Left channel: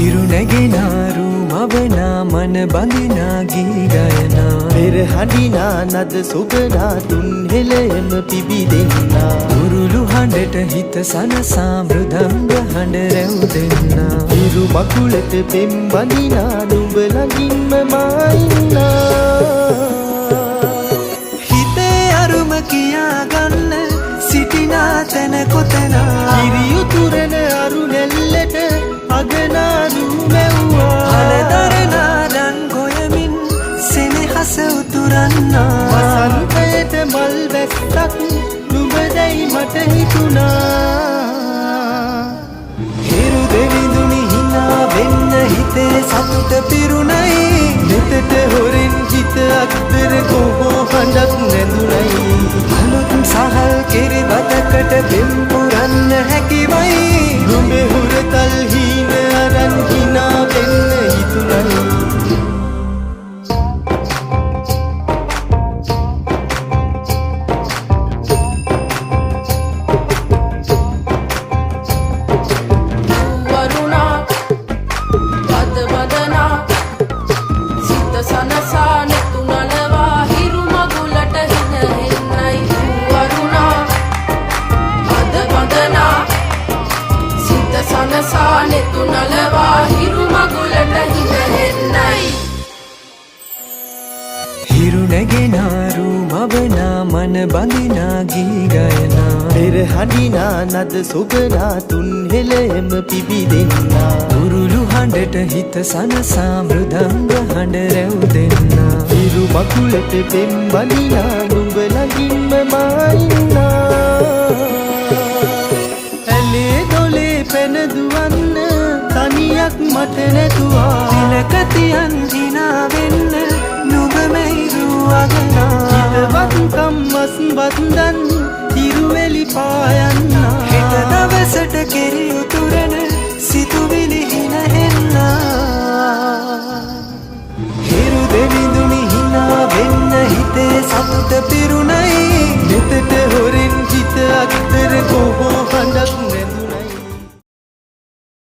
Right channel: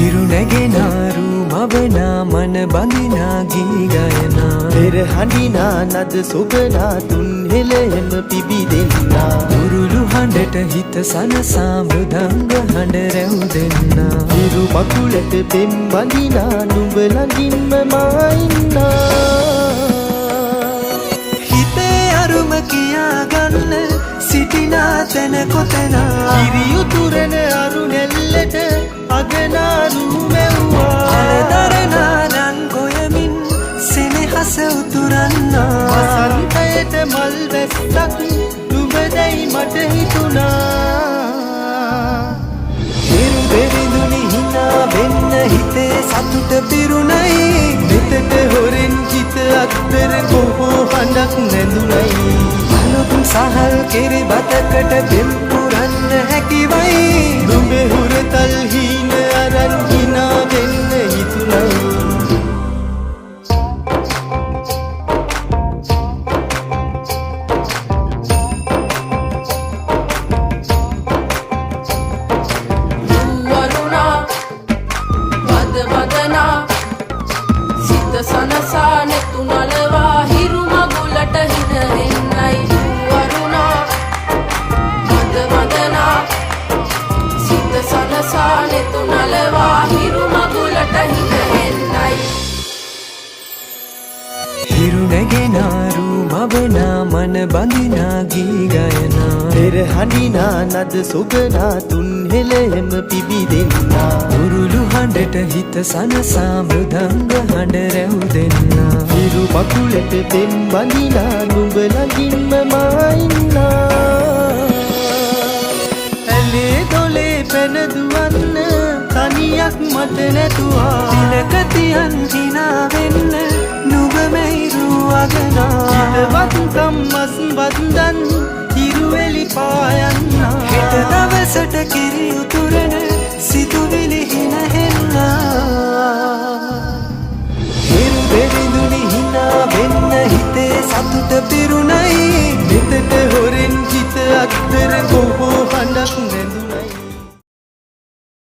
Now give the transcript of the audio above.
හිරු නැගෙනාරු මවනා මන බඳිනා ගී ගයනා පෙර හඬිනා නද සොබනා තුන් හෙළෙම පිබිදෙන්නා උරුළු හඬට හිත සනසා මෘදංග හඬ රැව් දෙන්නා හිරු මකුලට පෙම් බඳිනා නුඹ ළඟින්ම මා ඉන්නා හිතේ අරුම කියා ගන්න සිටිනා තැන කොතනා කිරියුතුරන අරු නැල්ලට අගනාරු මැව්වා හලදරනා රන් ගොයමින් සෙනෙහස උතුරන්නා වසන්තයට මල් වැස්සක් නුඹදැයි මට හිතුණා හිරු දෙවිඳුනි හිනා වෙන්න හිතේ සතුට පිරුණයි නෙතට හොරෙන් හිත අක්දර කොහෝ හඬක් නැඳුනයි අලුත් සහල් කෙරි බතකට පෙම් පුරන්න හැකිවයි නුඹේ හුරතල් හීන අරන් හිනා වෙන්න හිතුණයි සනසා නෙතු නලවා හිරු මගුලට හින හෙන්නයි වරුණා මද වදනා සිත සනසා නෙතු නලවා හිරු මගුලට හින හෙන්නයි හිරු නැගෙනාරු මවනා මන බඳිනා ගී ගයනා පෙර හඬිනා නද සොබනා තුන් හෙළෙම පිබිදෙන්නා උරුළු හඬට හිත සනසා මෘදංග හඬ රැව් දෙන්නා හිරු මකුලට පෙම් බඳිනා නුඹ ළඟින්ම මා ඉන්නා ඇලේ දොලේ පැන දුවන්න තනියක් මට නැතුවා තිලක තියන් හිනා වෙන්න නුඹ මෙයිරු අගනා හිතවත්කම් මස් වන්දන් හිරුවෙලි පායන්නා හෙට දවසට කිරි උතුරන සිතුවිලි හින හෙන්නා හිරු දෙවිඳුනි හිනා වෙන්න හිතේ සතුට පිරුණයි නෙතට හොරෙන් හිත අක්දර කොහෝ හඬක් නැඳුනයි